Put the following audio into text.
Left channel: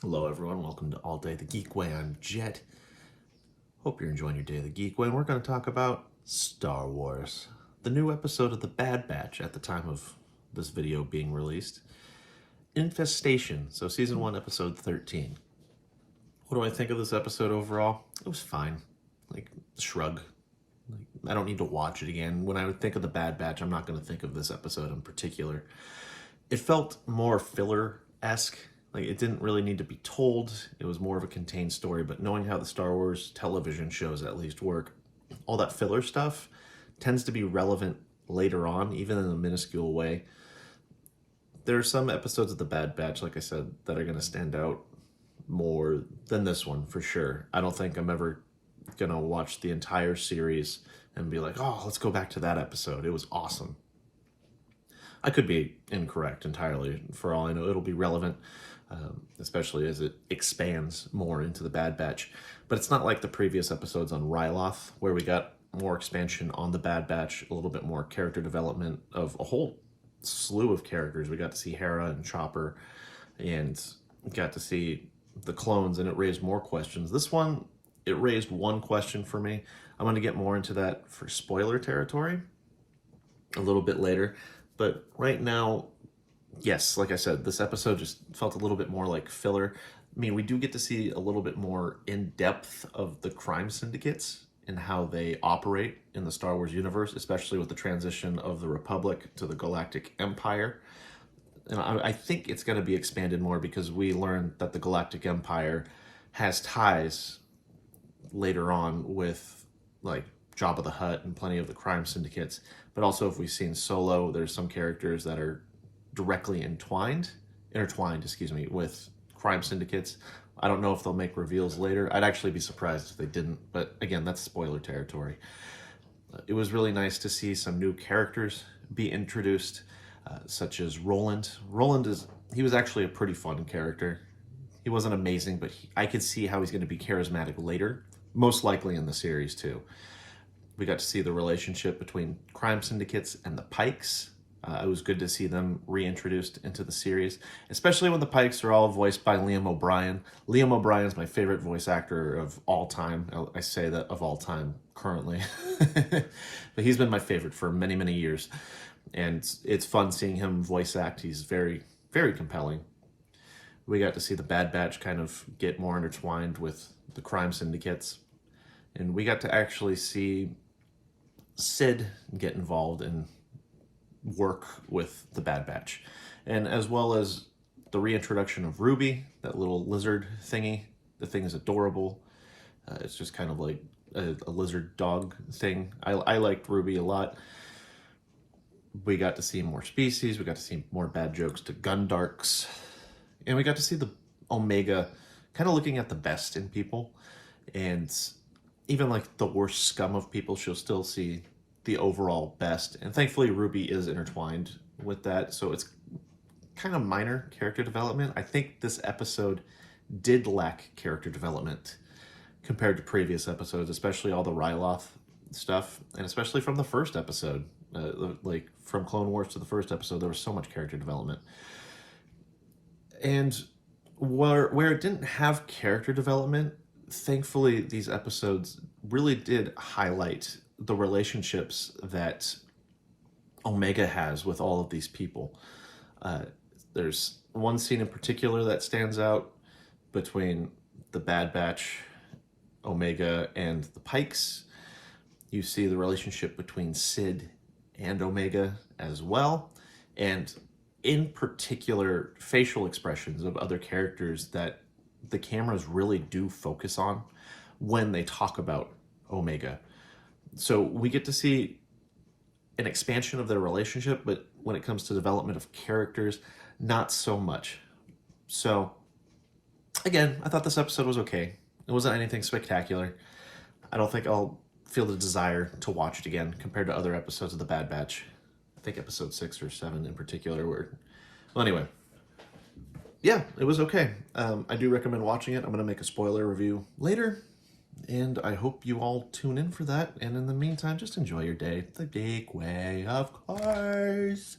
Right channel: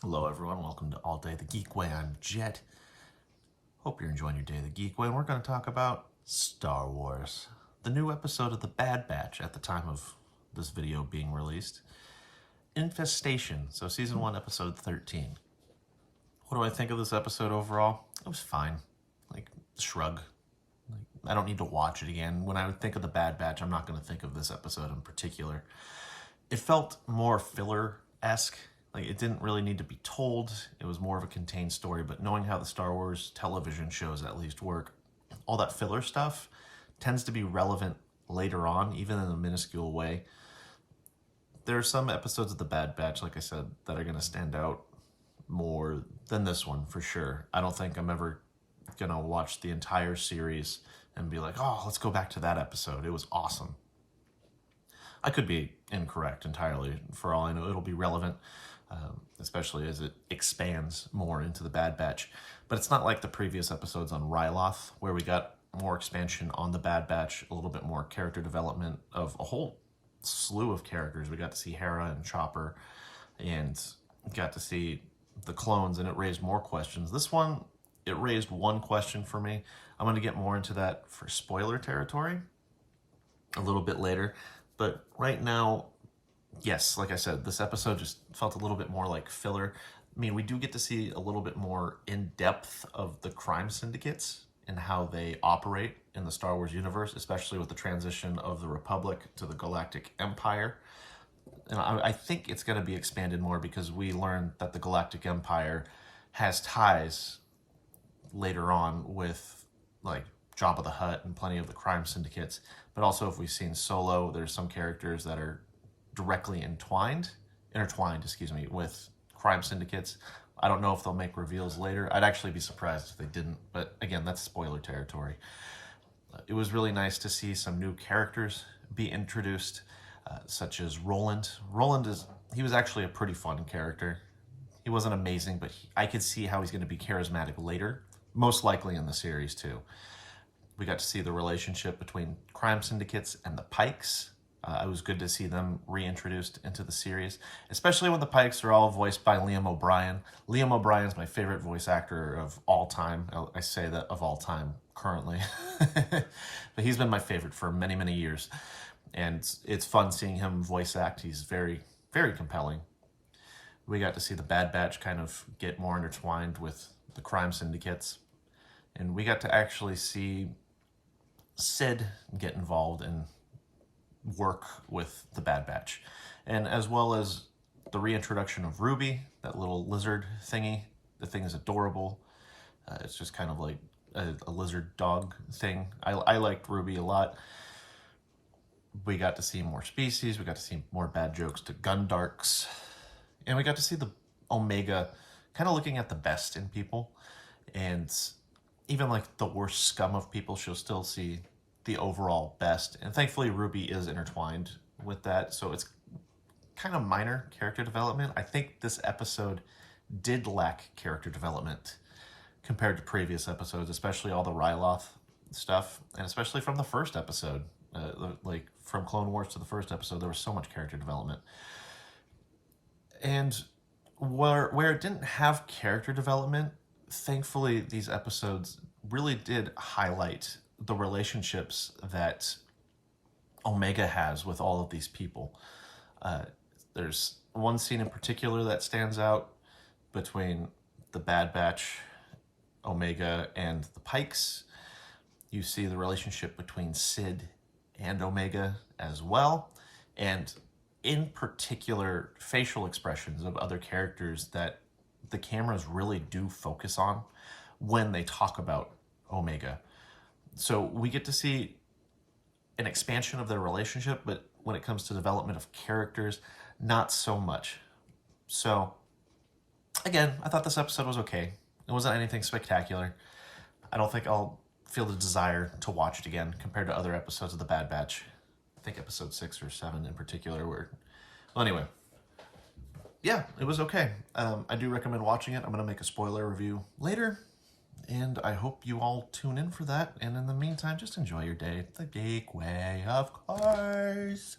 Hello everyone, welcome to All Day the Geek Way. I'm Jet. Hope you're enjoying your day the Geek Way, and we're going to talk about Star Wars. The new episode of The Bad Batch at the time of this video being released. Infestation, so Season 1, Episode 13. What do I think of this episode overall? It was fine. Shrug. I don't need to watch it again. When I would think of The Bad Batch, I'm not going to think of this episode in particular. It felt more filler-esque. It didn't really need to be told. It was more of a contained story, but knowing how the Star Wars television shows at least work, all that filler stuff tends to be relevant later on, even in a minuscule way. There are some episodes of The Bad Batch, like I said, that are going to stand out more than this one, for sure. I don't think I'm ever going to watch the entire series and be like, oh, let's go back to that episode. It was awesome. I could be incorrect entirely. For all I know, it'll be relevant. Especially as it expands more into the Bad Batch. But it's not like the previous episodes on Ryloth, where we got more expansion on the Bad Batch, a little bit more character development of a whole slew of characters. We got to see Hera and Chopper, and got to see the clones, and it raised more questions. This one, it raised one question for me. I'm going to get more into that for spoiler territory a little bit later. But right now, yes, like I said, this episode just felt a little bit more like filler. I mean, we do get to see a little bit more in-depth of the crime syndicates and how they operate in the Star Wars universe, especially with the transition of the Republic to the Galactic Empire. And I think it's going to be expanded more because we learned that the Galactic Empire has ties later on with, like, Jabba the Hutt and plenty of the crime syndicates. But also, if we've seen Solo, there's some characters that are directly intertwined, with crime syndicates. I don't know if they'll make reveals later. I'd actually be surprised if they didn't, but again, that's spoiler territory. It was really nice to see some new characters be introduced, such as Roland. He was actually a pretty fun character. He wasn't amazing, but I could see how he's going to be charismatic later, most likely in the series too. We got to see the relationship between crime syndicates and the Pikes. It was good to see them reintroduced into the series, especially when the Pikes are all voiced by Liam O'Brien. Liam O'Brien is my favorite voice actor of all time. I say that of all time currently, but he's been my favorite for many, many years. And it's fun seeing him voice act. He's very, very compelling. We got to see the Bad Batch kind of get more intertwined with the crime syndicates. And we got to actually see Sid get involved in work with the Bad Batch, and as well as the reintroduction of Ruby, that little lizard thingy. The thing is adorable. It's just kind of like a lizard dog thing. I liked Ruby a lot. We got to see more species. We got to see more bad jokes to Gundarks, and we got to see the Omega kind of looking at the best in people, and even like the worst scum of people, she'll still see the overall best. And thankfully Ruby is intertwined with that, so it's kind of minor character development. I think this episode did lack character development compared to previous episodes, especially all the Ryloth stuff, and especially from the first episode. Like from Clone Wars to the first episode, there was so much character development. And where it didn't have character development, thankfully these episodes really did highlight the relationships that Omega has with all of these people. There's one scene in particular that stands out between the Bad Batch, Omega, and the Pikes. You see the relationship between Sid and Omega as well, and in particular, facial expressions of other characters that the cameras really do focus on when they talk about Omega. So we get to see an expansion of their relationship, but when it comes to development of characters, not so much. So, again, I thought this episode was okay. It wasn't anything spectacular. I don't think I'll feel the desire to watch it again compared to other episodes of The Bad Batch. I think episode 6 or 7 in particular were... Well, anyway. Yeah, it was okay. I do recommend watching it. I'm going to make a spoiler review later. And I hope you all tune in for that. And in the meantime, just enjoy your day the big way, of course.